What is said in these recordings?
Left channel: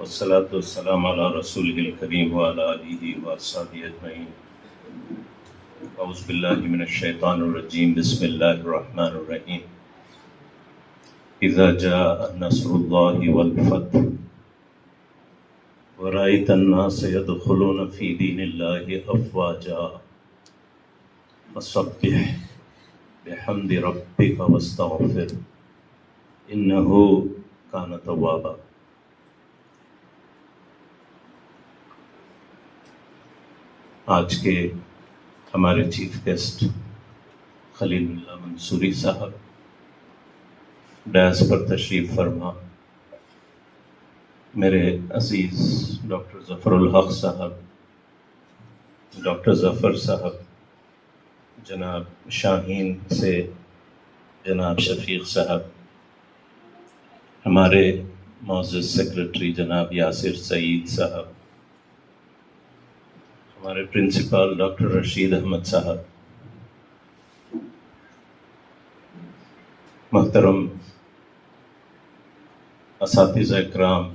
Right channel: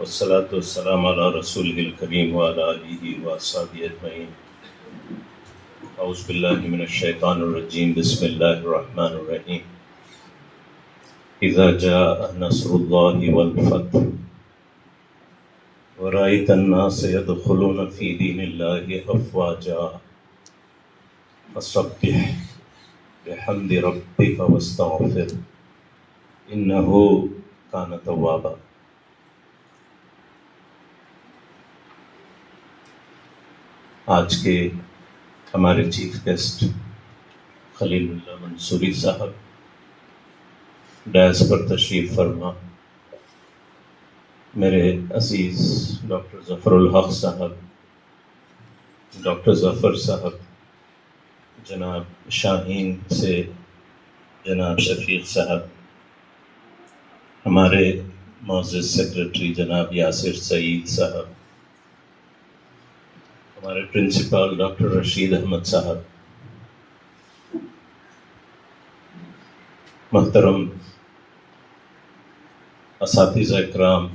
والصلاة والسلام على رسوله الكريم وعلى آله وأصحابه أجمعين. أعوذ بالله من الشيطان الرجيم. بسم الله الرحمن الرحيم. إذا جاء نصر الله والفتح ورأيت الناس يدخلون في دين الله أفواجا فسبح بحمد ربك واستغفر إنه كان توابا. آج کے ہمارے چیف گیسٹ خلیل اللہ منصوری صاحب ڈائس پر تشریف فرما، میرے عزیز ڈاکٹر ظفر الحق صاحب، ڈاکٹر ظفر صاحب، جناب شاہین سے جناب شفیق صاحب، ہمارے معزز سیکرٹری جناب یاسر سعید صاحب، ہمارے پرنسپل ڈاکٹر رشید احمد صاحب، محترم اساتذہ اکرام،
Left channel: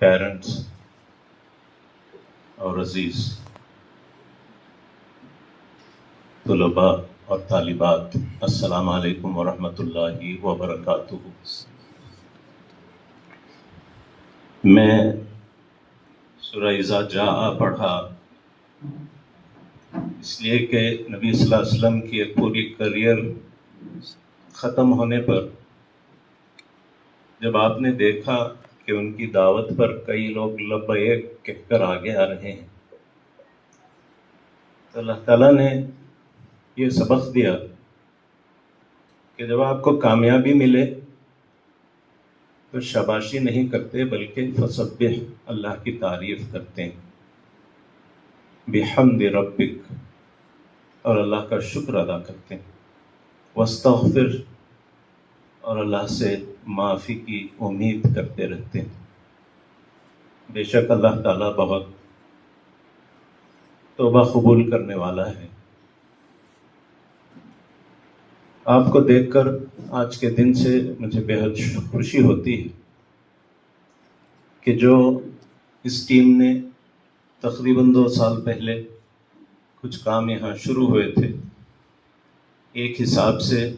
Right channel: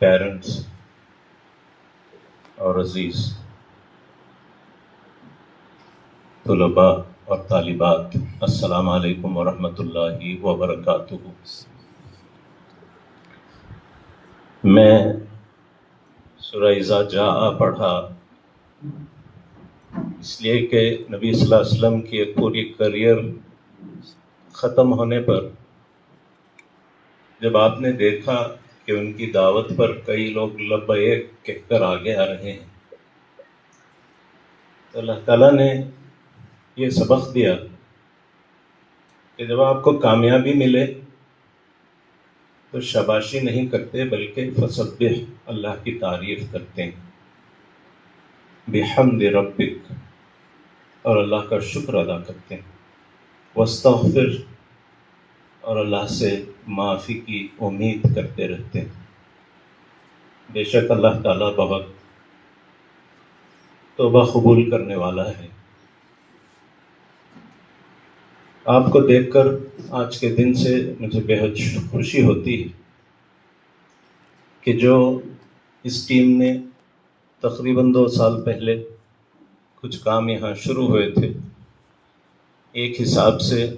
پیرنٹس اور عزیز طلباء اور طالبات، السلام علیکم ورحمۃ اللہ وبرکاتہ۔ میں سورہ اذا جاء پڑھا اس لیے کہ نبی صلی اللہ علیہ وسلم کی ایک پوری کریئر ختم ہونے پر جب آپ نے دیکھا کہ ان کی دعوت پر کئی لوگ لبیک کہہ کر آگے آ رہے ہیں، تو اللہ تعالیٰ نے یہ سبق دیا کہ جب آپ کو کامیابی ملے تو شاباشی نہیں کرتے بلکہ فسبح، اللہ کی تعریف کرتے ہیں، بحمد ربک، اور اللہ کا شکر ادا کرتے ہیں، واستغفر، اور اللہ سے معافی کی امید کرتے رہتے ہیں۔ بے شک اللہ تعالیٰ بہت توبہ قبول کرنے والا ہے۔ آپ کو دیکھ کر آج کے دن سے مجھے بے حد خوشی ہوتی ہے کہ جو اس ٹیم نے تقریباً 2 سال پہلے کچھ کام یہاں شروع ہوئے تھے، ایک حساب سے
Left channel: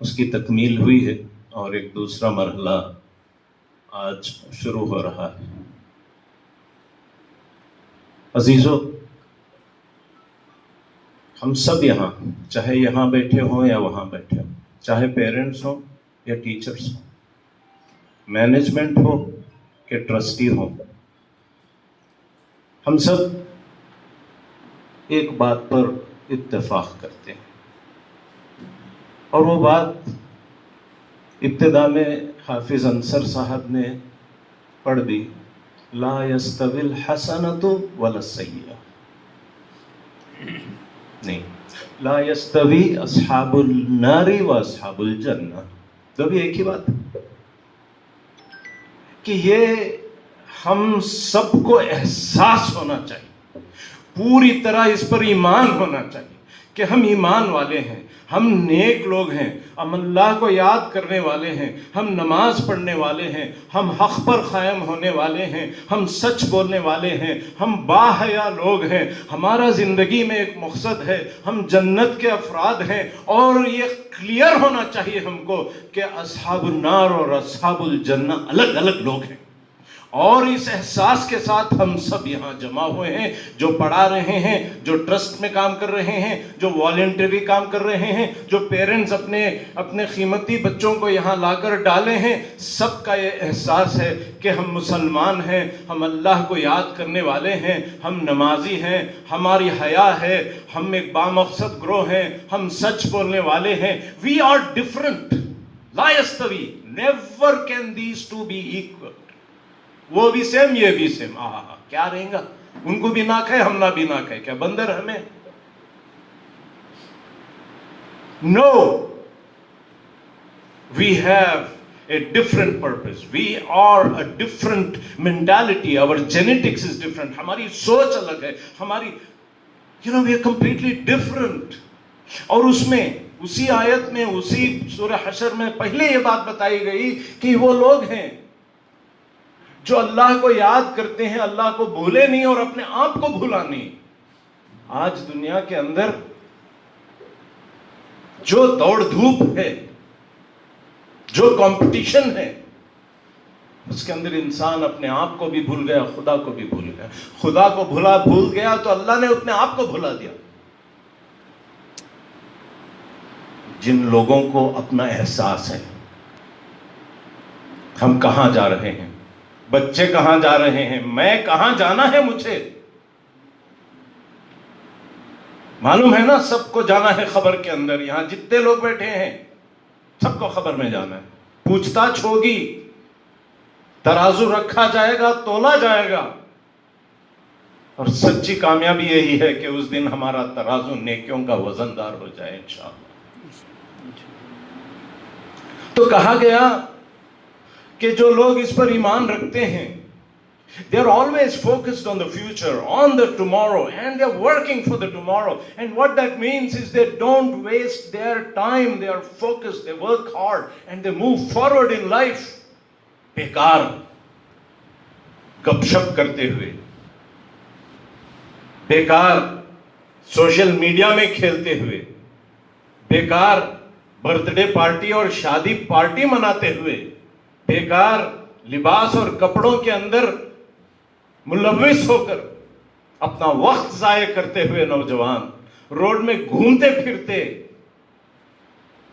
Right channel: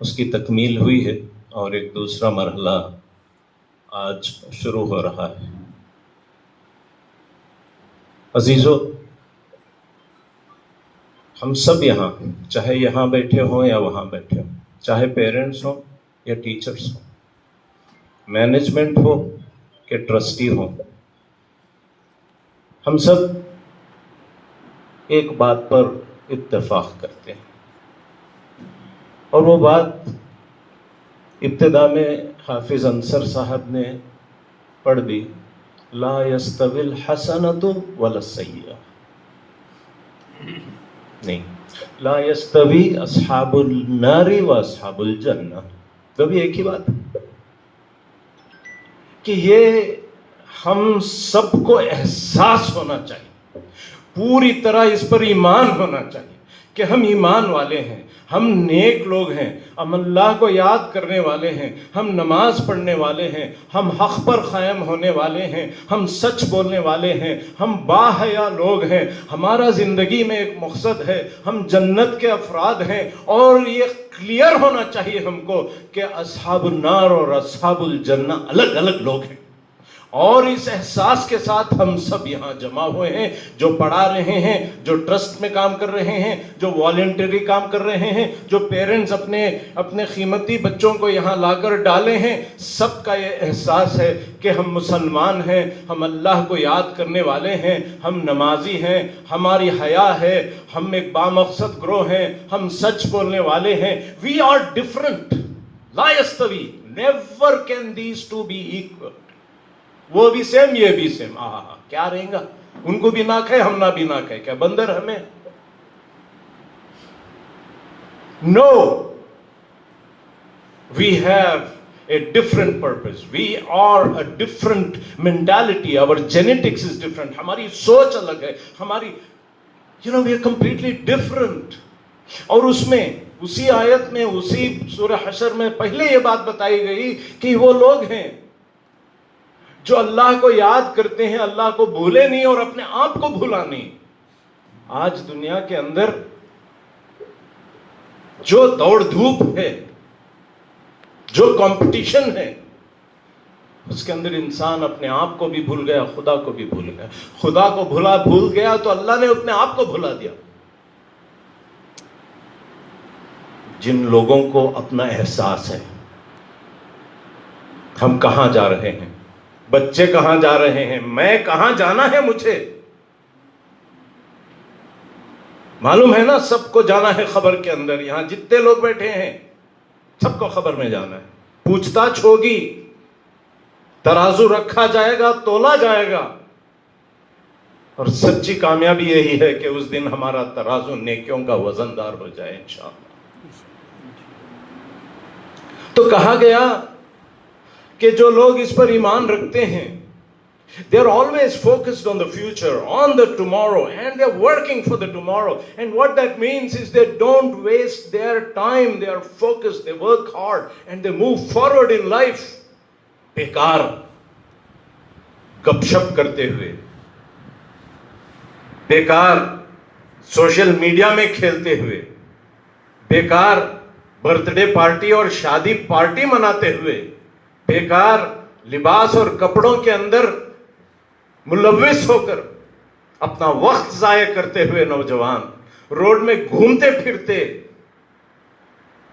اس کی تکمیل ہوئی ہے اور ایک دوسرا مرحلہ آج شروع ہو رہا ہے۔ عزیزو، ہم سب یہاں، چاہے یہاں بیٹھے ہوں یا وہاں بیٹھے ہوں، چاہے پیرنٹس ہوں یا ٹیچرس ہوں، مینجمنٹ ہو کہ ٹرسٹی ہوں، ہم سب ایک بات پر اتفاق کرتے ہیں، اور وہ بات ابتدا میں حافظ انصر صاحب نے پڑھ دی، لا یستوی الحسنۃ ولا السیئہ، نہیں، لا یستوی اصحاب النار و اصحاب الجنہ، کبھی ایک ہی بات کہ یہ ہم سب کو احساس ہونا چاہیے، پوری طرح اس پر ایمان ہونا چاہیے کہ ہم ایمان والے ہیں، ہم نیک لوگ ہیں، ہم اللہ کو یاد کرنے والے ہیں، ہم نماز پڑھنے والے ہیں، ہم حق پر قائم ہونے والے ہیں، ہم سچ بولنے والے ہیں، ہم باحیا لوگ ہیں، ہمارا زندگی میں ایک مقصد ہے، ہم جنت کے افراد ہیں، اور یہ کلیئر ہونا چاہیے ہم کو کہ اصحاب النار اور اصحاب الجنہ الگ الگ لوگ ہیں۔ اور اس احساس کے ساتھ ہم سب یہاں جمع ہوئے ہیں، جو پڑھا رہے ہیں، جو ٹرسٹ میں کام کر رہے ہیں، جو والنٹری کام کر رہے ہیں، جو پیرنٹس اپنے قیمتی بچوں کو یہاں لا کر ڈالے ہیں، سب کا یہ احساس ہے کہ ہم مسلمان ہیں، ہم اللہ کو یاد کرنے والے ہیں، ہم نمازی ہیں، ہماری حیا ہے، ہم ایک بامقصد گروہ ہیں، ہم سچ بولنے والے ہیں۔ وی آر ڈفرنٹ، لا یستوی، never can these two be equal, وہ بھی سیم یہ بھی سیم، کیا رہیں گا، ان کو بھی ناک ہے، ہم نہ بھی ناک ہے، کیا بندر ہمیں؟ No, we have a different purpose, we are a different mentality, our genetics is different، ہماری سوچ الگ ہے، ہماری we are completely different۔ اور اس میں اسی آیت میں، اسی سورہ حشر میں پہلے یہ بات بتائی گئی کہ وہ لوگ ہیں جو اللہ کو یاد کرتے ہیں اللہ کو بھولے نہیں اور اپنے آپ کو بھولا نہیں. آج دنیا کے اندر جو دوڑ دھوپ ہے, جو کمپٹیشن ہے, اس کے اندر انسان اپنے آپ کو بھی بھول گیا, خدا کو بھی بھول گیا. خدا کو بھول گیا تو اللہ نے اپنے آپ کو بھلا دیا. جن لوگوں کو اپنا احساس ہے ہم کہاں جا رہے ہیں, بچے کہاں جا رہے ہیں, میں کہاں جانا ہے, مجھے معلوم ہے نا, سب کو جانا ہے خبر کے اندر. یہاں جتنے لوگ بیٹھے ہیں سب کو خبر میں جانا ہے. پوچھ تاچھ ہوگی, ترازو رکھا جائے گا, تولا جائے گا, اور سچی کامیابی یہی ہے کہ اس دن ہمارا ترازو نیکیوں کا وزندار ہو جائے انشاءاللہ. تو کہا گیا کہ جو لوگ اس پر ایمان رکھتے ہیں, they are always focused on the future, on the tomorrow, and they are working for the tomorrow. And what that means is they don't waste their time, they are focused, they work hard, and they move forward in life. بیکار گپ شپ کرتے ہوئے, بیکار social media میں کھیلتے ہوئے, بیکار birth day party اور شادی پارٹی مناتے ہوئے, بیکار لباس اور کپڑوں کے اندر ملوث ہو کر اپنا وقت ضائع کرتے ہوئے نوجوان روڈ میں گھومتے پھرتے,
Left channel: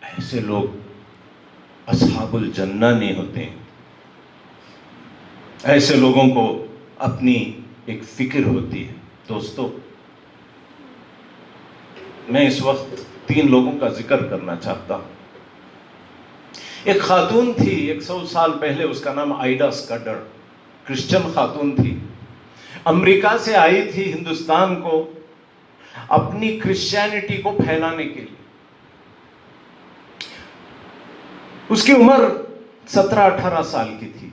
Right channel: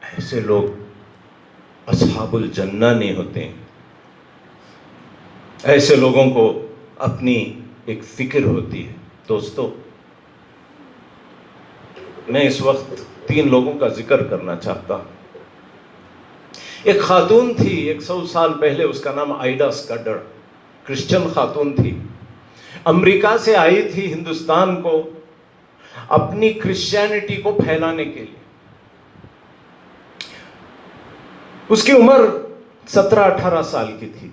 ایسے لوگ اصحاب الجنہ نہیں ہوتے. ایسے لوگوں کو اپنی ایک فکر ہوتی ہے. دوستو, میں اس وقت 3 لوگوں کا ذکر کرنا چاہتا ہوں. ایک خاتون تھی 100 سال پہلے, اس کا نام آئیڈا اسکڈر, کرسچن خاتون تھی, امریکہ سے آئی تھی ہندوستان کو اپنی کرسچینٹی کو پھیلانے کے لیے. اس کی عمر 17-18 سال کی تھی,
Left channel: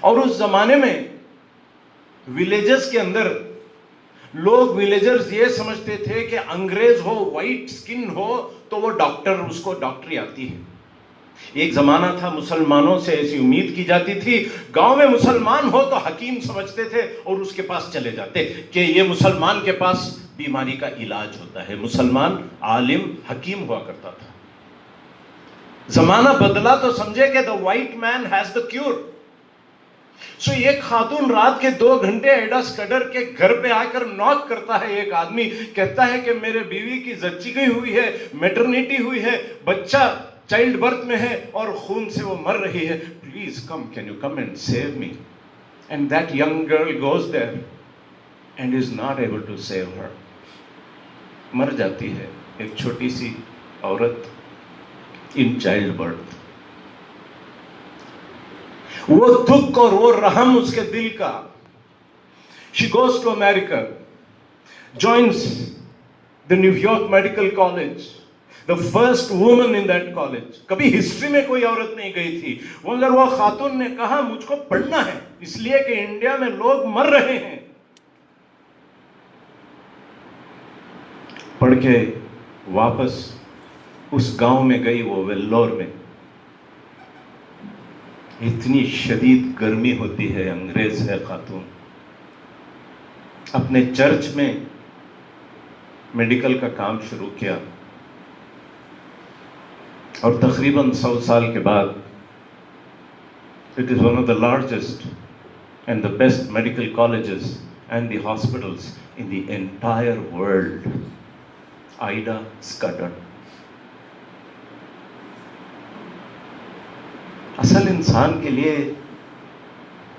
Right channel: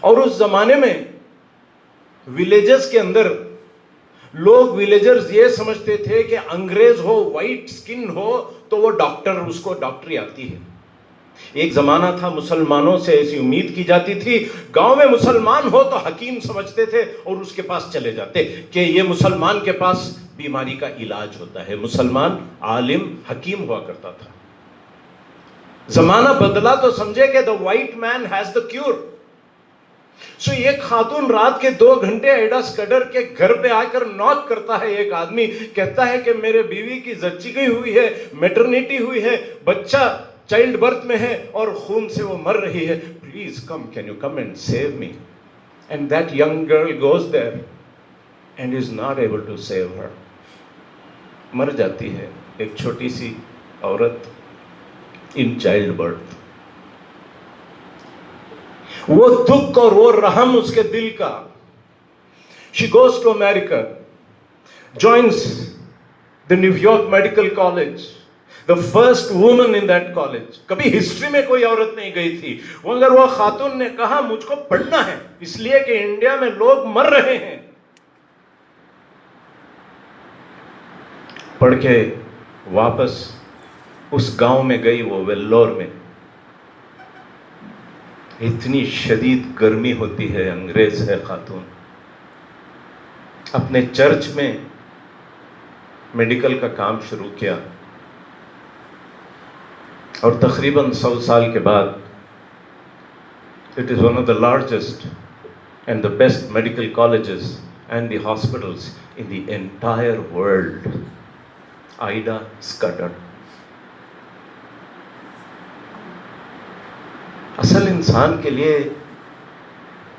اور اس زمانے میں ولیجز کے اندر لوگ ولیجرز یہ سمجھتے تھے کہ انگریز ہو, وائٹ سکن ہو تو وہ ڈاکٹر, اس کو ڈاکٹری آتی ہے. ایک زمانہ تھا مسلمانوں سے ایسی امید کی جاتی تھی, گاؤں میں مسلمان ہو تو حکیم سمجھتے تھے اور اس کے پاس چلے جاتے کہ یہ مسلمان کے پاس بیماری کا علاج ہوتا ہے. مسلمان عالم حکیم ہوا کرتا تھا. زمانہ بدلا تو سمجھے کہ the white man has the cure. سو ایک خاتون رات کے 2 گھنٹے آئیڈا اسکڈر کے گھر پہ آ کر ناک کرتا ہے. ایک آدمی کہتا ہے کہ میرے بیوی کی زچگی گئی ہوئی ہے, میٹرنیٹی ہوئی ہے, بچہ چائلڈ برتھ میں ہے اور خون سے وہ مر رہی ہے, please come, can you come and save me. And that young girl goes there and is not able to save her. مر جاتی ہے ایک چھوٹی سی عورت ان چائلڈ برتھ. وہ دکھ اور وہ رحم اس کے دل کا. She goes to America, joins the New York Medical College, the first woman in that college. کبھی ہسٹری میں کوئی عورت نہیں گئی تھی, مگر وہ خاتون نے کہا مجھ کو پڑھنا ہے اس لیے کہ انڈیا میں لوگ مر رہے ہیں. پڑھ کے واپس اس گاؤں میں گئی, وہ ویلور میں. اتنی شدید گرمی ہوتی ہے, انگریز ہے خاتون. اپنے چرچ میں میڈیکل کا کام شروع کیا, اور تقریباً 100 سال کے بعد it is one of the largest and the best medical colleges and the hospitals in the entire world. آئیڈا اسکڈر. اصل انسان کے لیے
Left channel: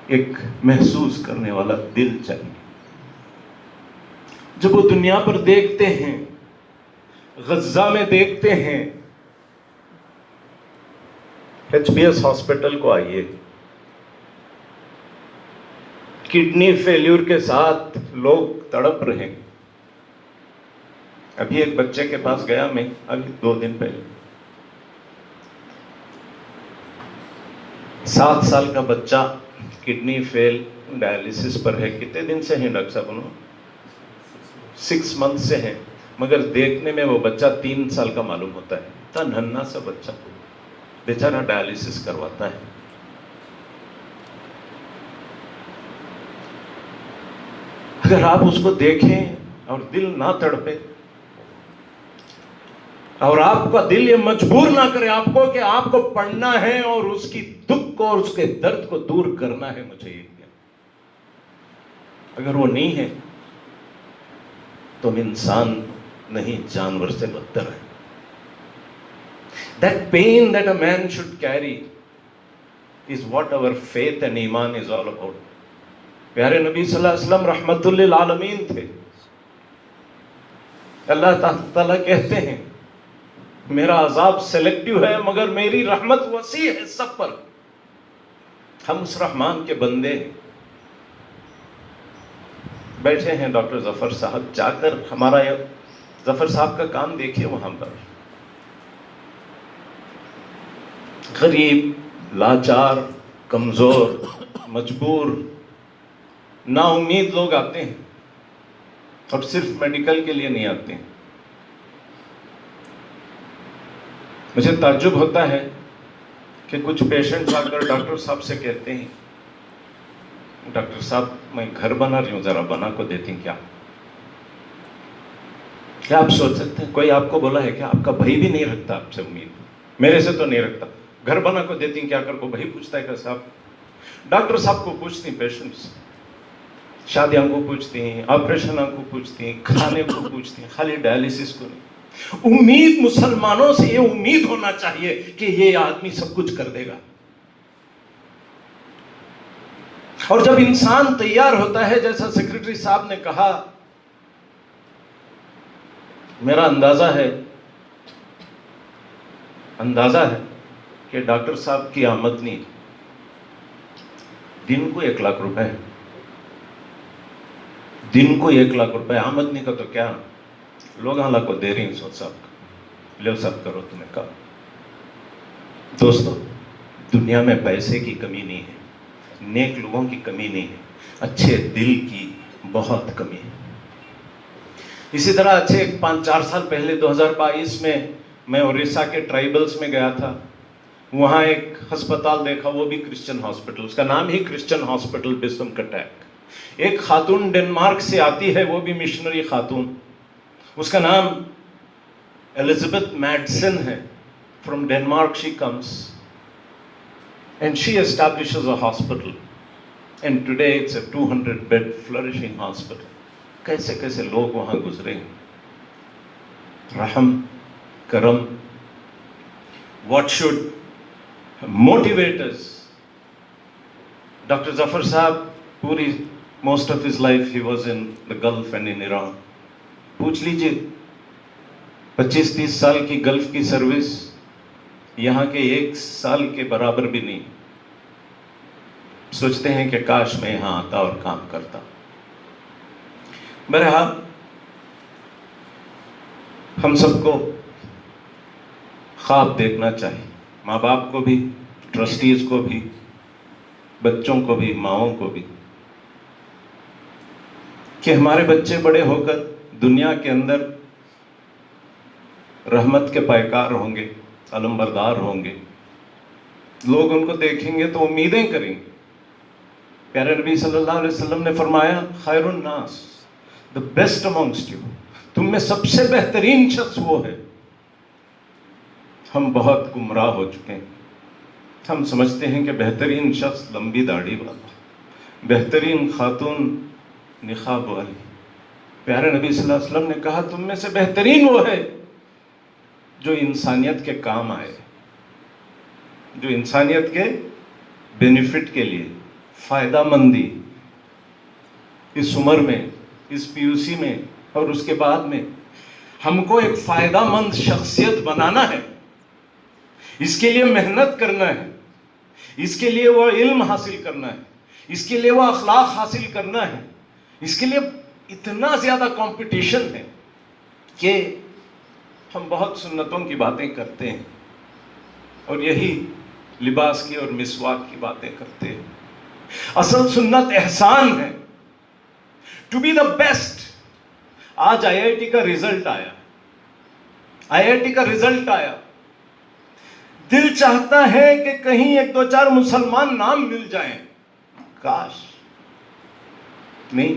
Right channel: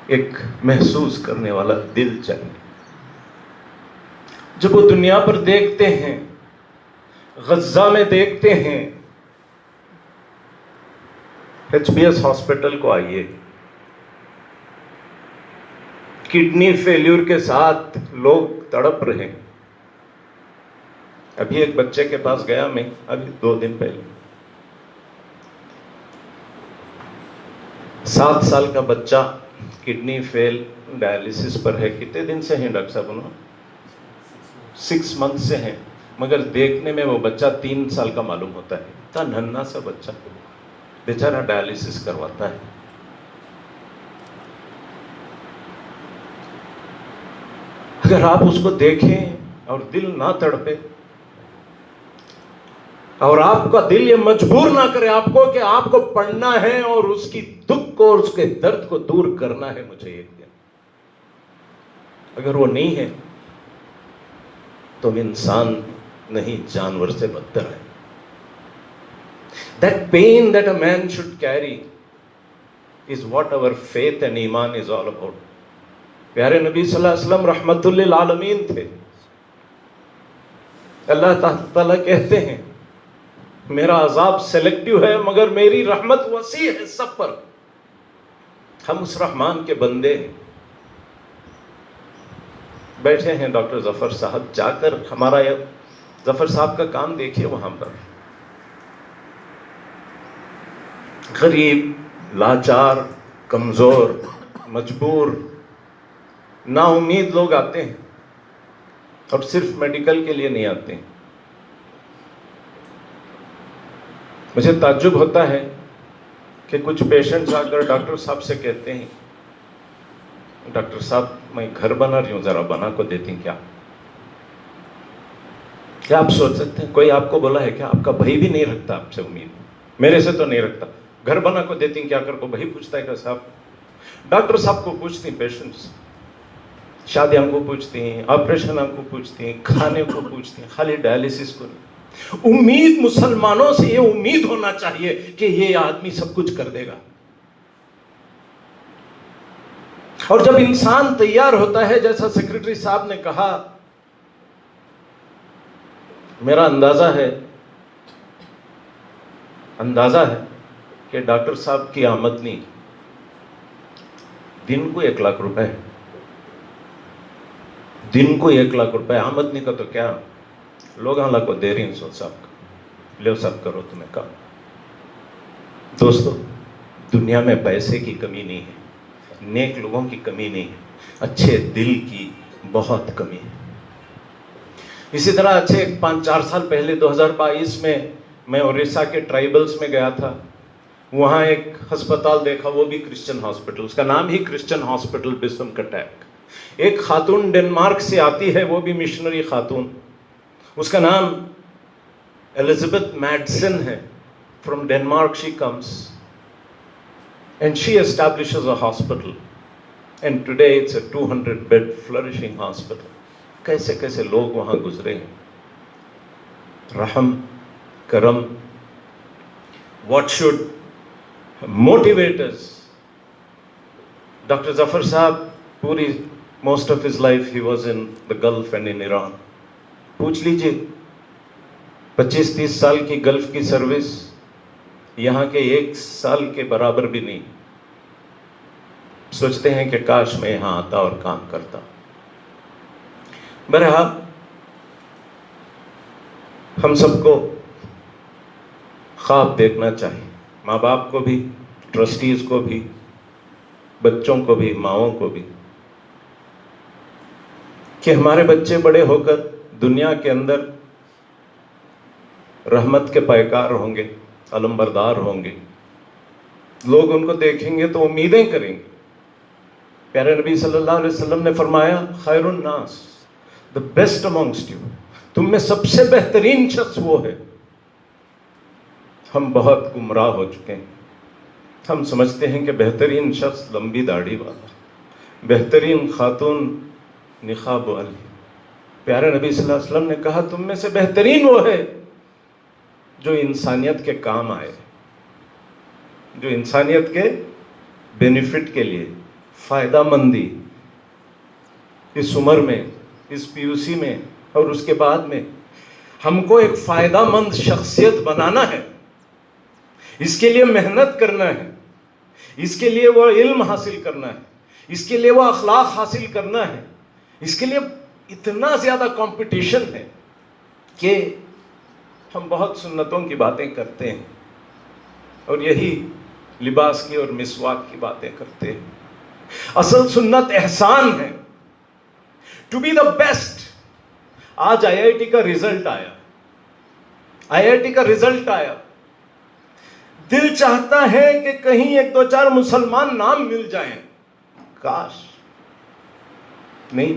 ایک محسوس کرنے والا دل چاہیے. جب وہ دنیا پر دیکھتے ہیں, غزہ میں دیکھتے ہیں, HBS ہاسپٹل کو آئیے, کڈنی فیلیور کے ساتھ لوگ تڑپ رہے ہیں. ابھی ایک بچے کے پاس گیا میں, ابھی 2 دن پہلے, 7 سال کا بچہ, کڈنی فیل, ڈائلسس پر ہے. کتنے دن سے ہیں ڈاکٹر صاحب؟ 6 منتھ سے ہیں, مگر دیکھنے میں وہ بچہ 3 سال کا معلوم ہوتا ہے. اتنا ننھا سا بچہ بیچارہ ڈائلسس کرواتا ہے. اگر آپ اس کو دیکھیں اور دل نہ تڑپے اور آپ کا دل یہ مجبور نہ کرے آپ کو کہ آپ کو پڑھنا ہے اور اس کی دکھ کو اور اس کے درد کو دور کرنا ہے مجھے ایک دن، اگر وہ نہیں ہے تو ہم انسان نہیں، جانور سے بدتر ہے. That pain that a man should carry is what our faith and ایمان is all about. پیارے نبی صلی اللہ علیہ وسلم رحمت للعالمین تھے. اللہ تعالیٰ کہتے ہیں میرا عذاب سیلیکٹیو ہے مگر میری رحمت وسیع ہے سب پر. ہم اس رحمان کے بندے ہیں. بیٹھے ہیں ڈاکٹر ظفر صاحب، جا کر ہمارا ظفر صاحب کا کام دیکھیے. وہاں پر غریب، لاچار، کمزور، مجبور، نا امید لوگ آتے ہیں اور صرف میڈیکل کے لیے نہیں آتے ہیں. مجھے تعجب ہوتا ہے کہ کچھ پیشنٹس آ کر ڈاکٹر صاحب سے کہتے ہیں ڈاکٹر صاحب میں گھر بنا رہی ہوں، ذرا بنا کو دیتی ہیں کیا؟ کیا آپ سوچ سکتے ہیں کوئی آپ کو بولا ہے کہ آپ کا بھائی بھی نہیں رکھتا آپ سے امید؟ میرے سے تو نہیں رکھتا، گھر بنا کو دیتی ہیں کیا کر کو بھائی پوچھتا ہے کہ صاحب؟ ڈاکٹر صاحب کو پوچھتی ہیں پیشنٹس، شادیاں کو پوچھتی ہیں، آپریشن کو پوچھتی ہیں، کھانے کو پوچھتی ہیں، خالی ڈائلسس کو نہیں. امید مسلمانوں سے یہ امید ہونا چاہیے کہ یہ آدمی سب کچھ کر دے گا. اور جب انسان تیار ہوتا ہے، جیسا سیکرٹری صاحب نے کہا، میرا اندازہ ہے کہ ڈاکٹر صاحب کی آمدنی دن کو 1 لاکھ روپے، دن کو 1 لاکھ روپے آمدنی کا تو کیا لوگ اللہ کو دے رہی ہیں. سوچ صاحب لے سب کرو تمہیں کہا. دوستو دنیا میں پیسے کی کمی نہیں ہے، نیک لوگوں کی کمی نہیں ہے، اچھے دل کی بہت کمی ہے. اسی طرح اچھے 5-4 سال پہلے 2022 میں اڑیسہ کے ٹرائبلز میں گیا تھا. وہاں ایک ہسپتال دیکھا، وہ بھی کرسچن ہاسپٹل، اس کا نام ہی کرسچن ہاسپٹل بسم کٹیک. ایک خاتون ڈنمارک سے آتی ہے، وہ بھی مشنری خاتون، اس کا نام ایلزبتھ میڈسن ہے. From Denmark she comes and she establishes a hospital and today it's a 200-bed flourishing hospital. کیسے کیسے لوگ وہاں گزرے ہیں. رحم، کرم. What should motivate us? Dr. Zafar Sahab, پوری most of his life he was in the Gulf and in Iran. پوچھ لیجئے 25-30 سال کی گلف کی سروس یہاں کے 1 سال کے برابر بھی نہیں. سوچتے ہیں کہ کاش میں یہاں آتا اور کام کرتا. بہرحال ہم سب کو خواب دیکھنا چاہیے، ماں باپ کو بھی، ٹرسٹیز کو بھی، بچوں کو بھی، ماؤں کو بھی، کہ ہمارے بچے بڑے ہو کر دنیا کے اندر رحمت کے پیکار ہوں گے، علم بردار ہوں گے. لوگ ان کو دیکھیں گے تو امیدیں کریں گے. پیارے نبی صلی اللہ علیہ وسلم نے فرمایا خیر الناس، the best amongst you، تم میں سب سے بہترین شخص وہ ہے. ہم بہت گمراہ ہو چکے ہیں. ہم سمجھتے ہیں کہ بہترین شخص لمبی داڑھی والا، بہترین خاتون نقاب والی. پیارے نبی صلی اللہ علیہ وسلم نے کہا تم میں سے بہترین وہ ہے جو انسانیت کے کام آئے، جو انسانیت کے بینیفٹ کے لیے، فائدہ مندی اس عمر میں، اس پی یو سی میں اور اس کے بعد میں ہم کو ایک فائدہ مند شخصیت بنانا ہے. اس کے لیے محنت کرنا ہے، اس کے لیے وہ علم حاصل کرنا ہے، اس کے لیے وہ اخلاق حاصل کرنا ہے. اس کے لیے اتنا زیادہ کمپٹیشن ہے کہ ہم بہت سنتوں کی باتیں کرتے ہیں اور یہی لباس کی اور مسواک کی باتیں کرتے ہیں. اصل سنت احسان ہے، ٹو بی دا بیسٹ. آج آئی آئی ٹی کا رزلٹ آیا، دل چاہتا ہے کہ کہیں 1-2-4 مسلمان نام مل جائیں. کاش نہیں،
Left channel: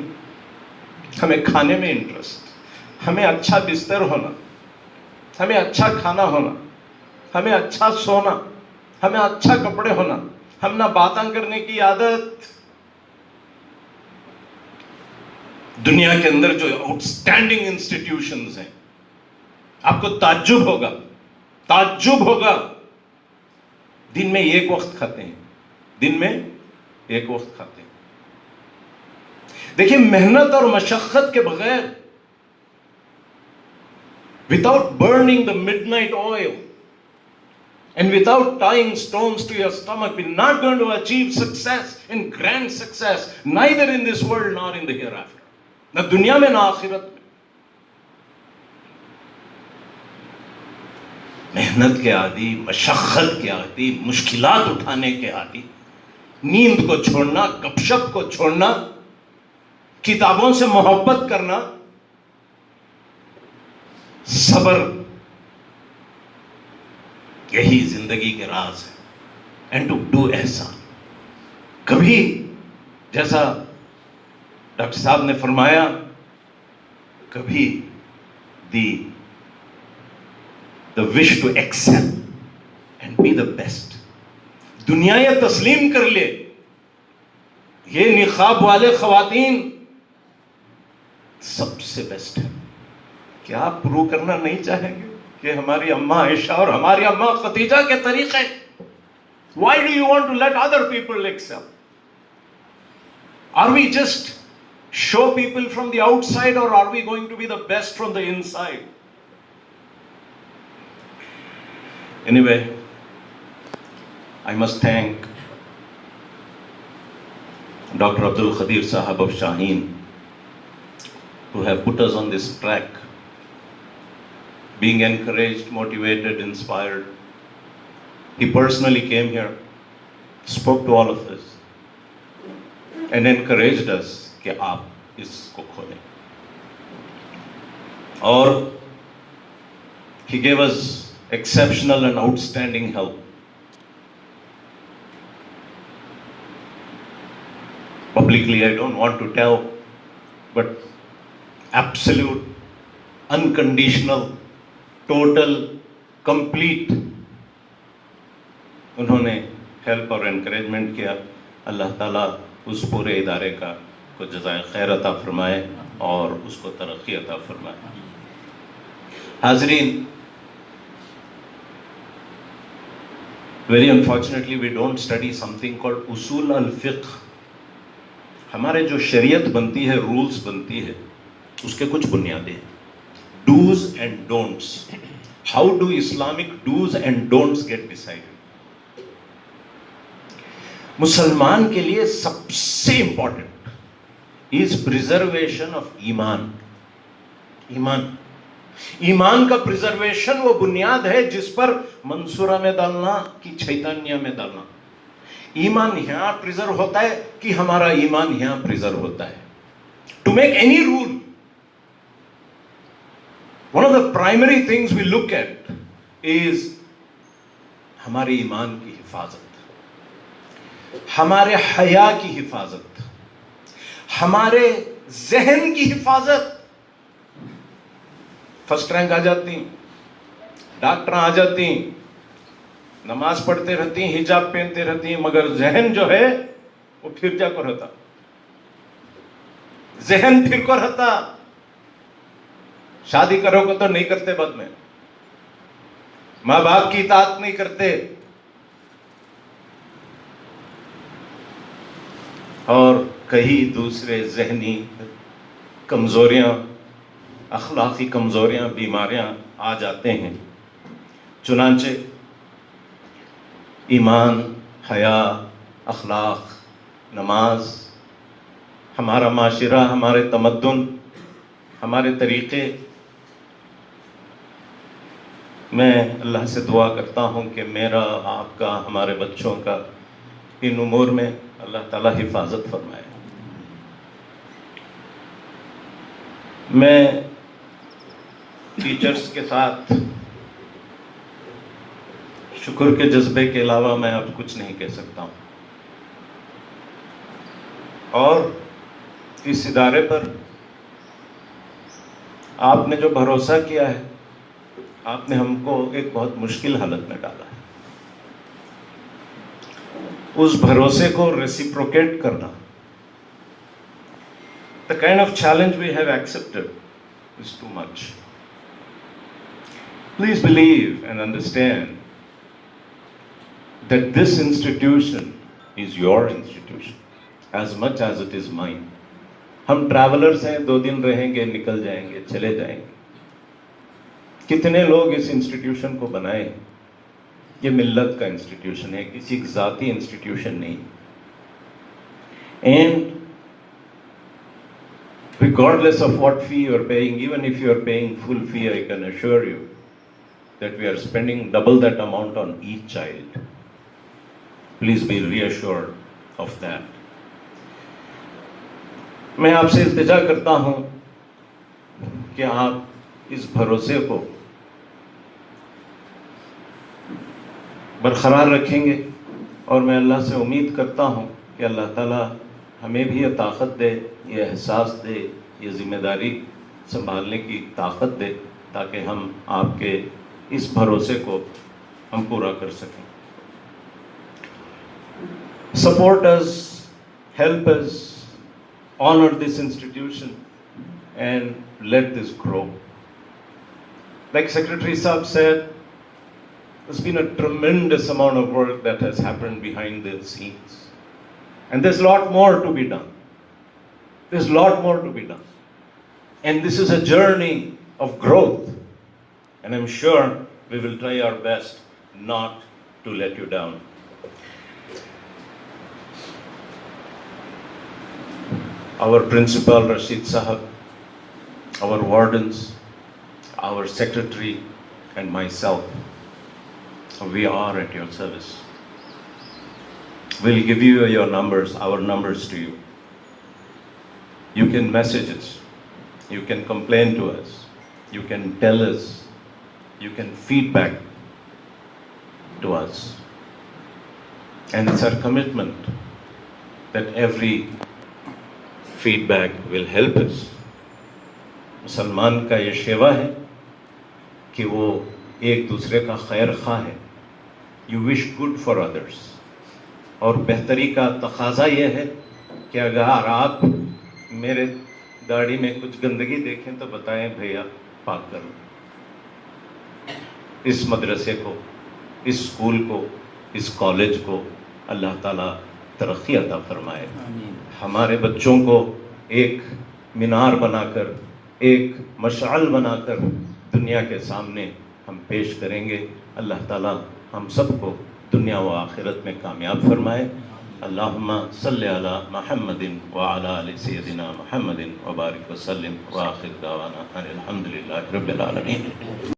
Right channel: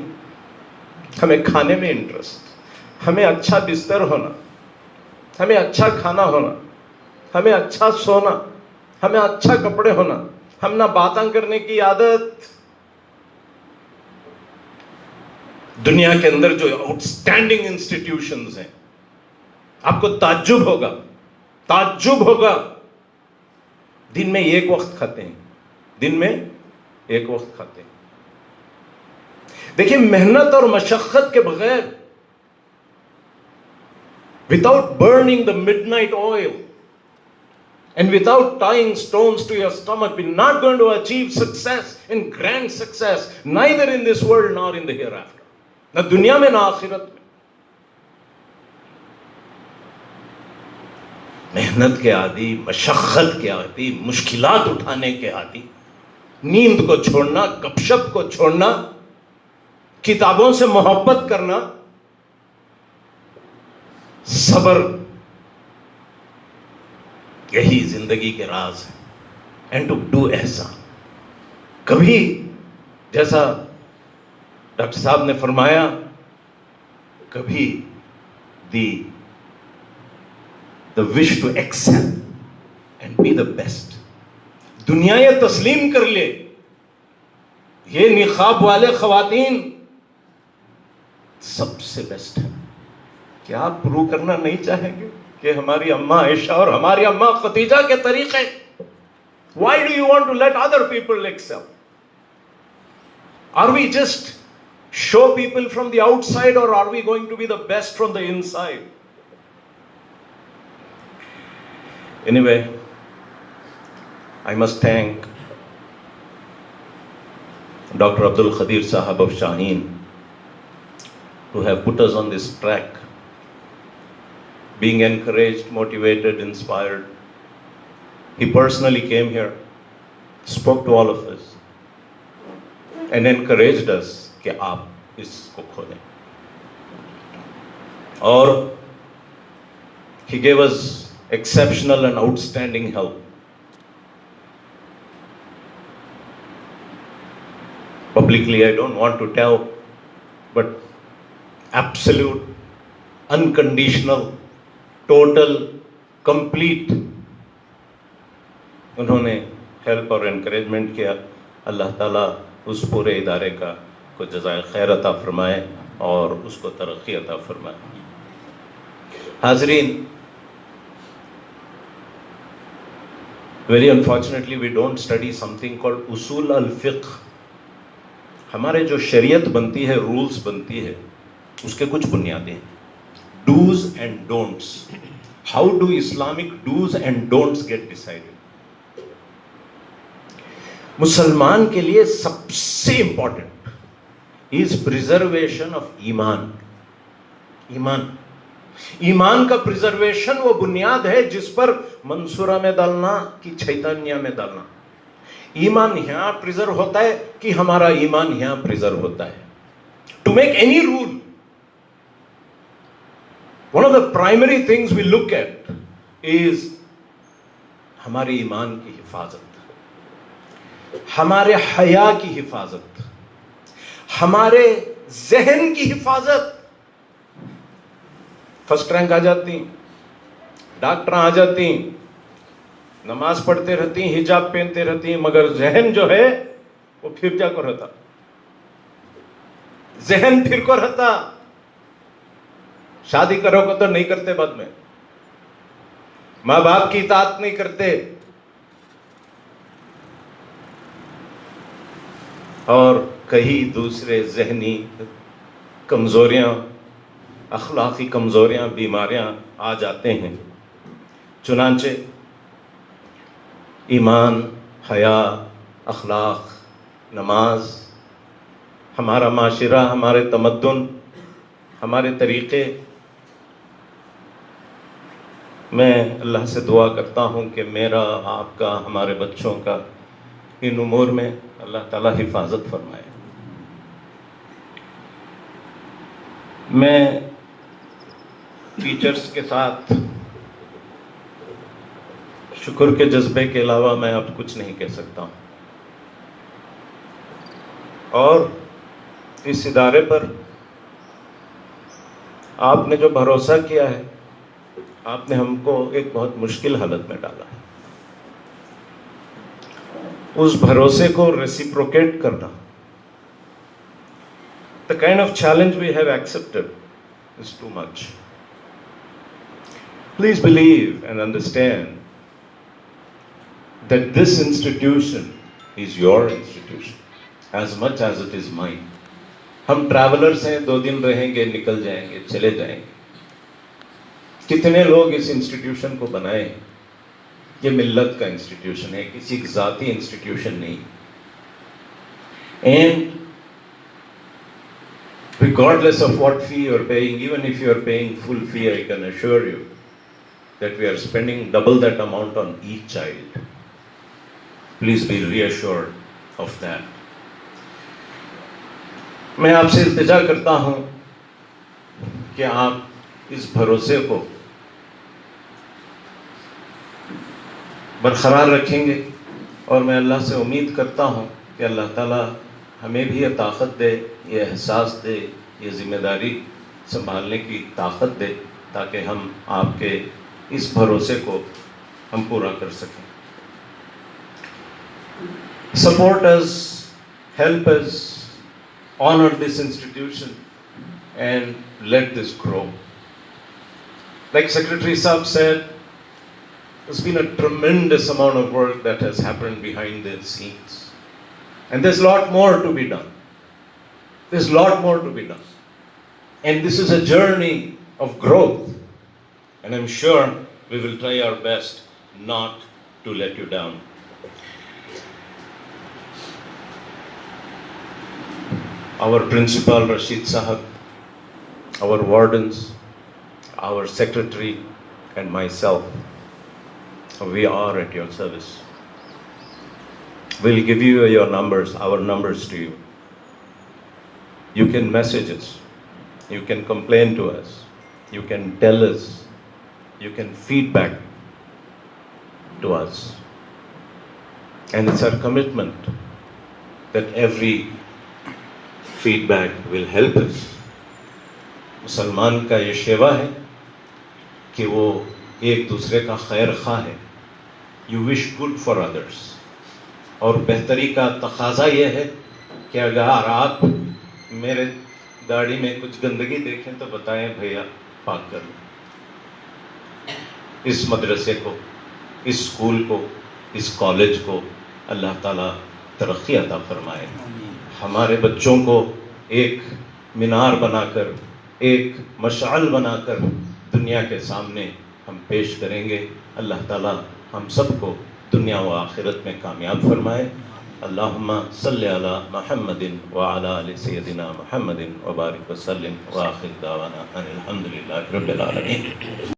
ہمیں کھانے میں انٹرسٹ، ہمیں اچھا بستر ہونا، ہمیں اچھا کھانا ہونا، ہمیں اچھا سونا، ہمیں اچھا کپڑے ہونا، ہم نہ باتیں کرنے کی عادت. دنیا کے اندر جو آؤٹ اسٹینڈنگ انسٹیٹیوشنز ہیں، آپ کو تعجب ہوگا دن میں ایک وقت کھاتے ہیں، دن میں ایک وقت کھاتے ہیں. دیکھیں، محنت اور مشقت کے بغیر، without burning the midnight oil and without tying stones to your stomach, we're not going to achieve success and grand success, neither in this world nor in the hereafter. نہ دنیا میں نہ آخرت میں. محنت کے عادی، مشقت کے عادی، مشکلات اٹھانے کے عادی، نیند کو چھوڑنا، گپ شپ کو چھوڑنا، کتابوں سے محبت کرنا، صبر، یہی زندگی کے راز ہے. اینڈ ٹو ڈو احسان. کبھی جیسا ڈاکٹر صاحب نے فرمایا، کبھی the wish to excel and be the best. دنیا یہ تسلیم کر لے، یہ نقاب والے خواتین سب سے بیسٹ ہے. کیا آپ پروو کرنا نہیں چاہیں گے کہ ہماری اماں عائشہ اور ہماری اماں خدیجہ کے طریقے؟ Why do you want to let other people excel? Are we just show people from the outside, or are we going to be the best from the inside? Anyway, I must thank Dr. Abdul Khadir Sahab of Shaheen, who have put us on this track, being encouraged, motivated, inspired. He personally came here, spoke to all of us, and encouraged us کہ آپ اس کو کھولیں. اور he gave us exceptional and outstanding help. Publicly, I don't want to tell, but absolute, unconditional, total, complete انہوں نے help اور encouragement کیا. اللہ تعالیٰ اس پورے ادارے کا کو جزائے خیر عطا فرمائے اور اس کو ترقی عطا فرمائے. حاضرین، very unfortunately we don't study something called اصول الفقہ. ہمارے جو شریعت بنتی ہے، رولز بنتی ہے، اس کے کچھ بنیادیں ہیں. Dos and don'ts. How do Islamic dos and don'ts get decided? مسلمان کے لیے سب سے امپورٹنٹ از پریزرویشن آف ایمان. ایمان کا پریزرویشن وہ بنیاد ہے جس پر منصورہ میں ڈالنا کہ چیتانیہ میں ڈالنا. ایمان یہاں پریزرو ہوتا ہے کہ ہمارا ایمان یہاں پریزرو ہوتا ہے. To make any rule, one of the primary things we look at is ہمارے ایمان کی حفاظت، ہمارے حیا کی حفاظت، ہمارے ذہن کی حفاظت. فرسٹ رینک آ جاتی، ڈاکٹر آ جاتی، نماز پڑھتے رہتی، حجاب پہنتے رہتی، مگر ذہن جو ہے وہ پھر جا کر رہتا. ذہن پھر کو رہتا. شادی کرو گے تو نہیں کرتے، بعد میں ماں باپ کی اطاعت نہیں کرتے، اور کئی دوسرے ذہنی کمزوریاں، اخلاقی کمزوریاں، بیماریاں آ جاتے ہیں. چنانچہ ایمان، حیا، اخلاق، نماز، ہمارا معاشرہ، ہمارے تمدن، ہمارے طریقے. میں اللہ سے دعا کرتا ہوں کہ میرا، آپ کا، ہمارے بچوں کا ان امور میں اللہ تعالیٰ حفاظت فرمائے. میں ٹیچرز کے ساتھ شکر کے جذبے کے علاوہ میں اب کچھ نہیں کہہ سکتا ہوں. اور اس ادارے پر آپ نے جو بھروسہ کیا ہے، آپ نے ہم کو ایک بہت مشکل حالت میں ڈالا. اس بھروسے کو ریسیپروکیٹ کرنا. The kind of challenge we have accepted is too much. Please believe and understand that this institution is your institution as much as it is mine. ہم ٹریولرز ہیں، 2 دن رہیں گے، نکل جائیں گے، چلے جائیں گے. کتنے لوگ اس انسٹیٹیوشن کو بنائے ہیں. یہ ملت کا انسٹیٹیوشن ہے، کسی ذاتی انسٹیٹیوشن نہیں. And regardless of what fee you are paying, even if you are paying full fee, I can assure you that we are spending double that amount on each child. Please be reassured of that. میں آپ سے التجا کرتا ہوں کہ آپ اس بھروسے کو برقرار رکھیں گے، اور میں اللہ سے امید کرتا ہوں کہ اللہ تعالیٰ ہمیں بھی یہ طاقت دے، یہ احساس دے، یہ ذمہ داری سنبھالنے کی طاقت دے، تاکہ ہم آپ کے اس بھروسے کو ہم پورا کر سکیں. Support us, help us, honor this institution and let this grow. Like Secretary Saab said, there's been a tremendous amount of work that has happened behind the scenes. And there's a lot more to be done. There's a lot more to be done. And this is a journey of growth. And I'm sure we will try our best not to let you down. Our principal, Rashid Sahab, our wardens, our secretary, and myself, we are at your service. We'll give you your numbers, our numbers to you. You can message us. You can complain to us. You can tell us. You can feedback to us. And it's our commitment that every feedback will help us. مسلمان کا یہ شیوا ہے کہ وہ ایک دوسرے کا خیر خواہ ہے. You wish good for others. اور بہتری کا تقاضا یہ ہے کہ اگر آپ میرے گاڑی میں کچھ گندگی دیکھیں تو بتائیں بھیا پاک کر لو. اس مدرسے کو، اس اسکول کو، اس کالج کو اللہ تعالیٰ ترقی عطا فرمائے. ہمارے بچوں کو ایک مینار بنا کر، ایک مشعل بنا کر دنیا کے سامنے ہم پیش کریں گے. اللہ تعالیٰ ہم سب کو دنیا و آخرت میں کامیاب فرمائے. اللہم صلی علی محمد وعلی آل سیدنا محمد وبارک وسلم وآخر دعوانا ان الحمد للہ رب العالمین.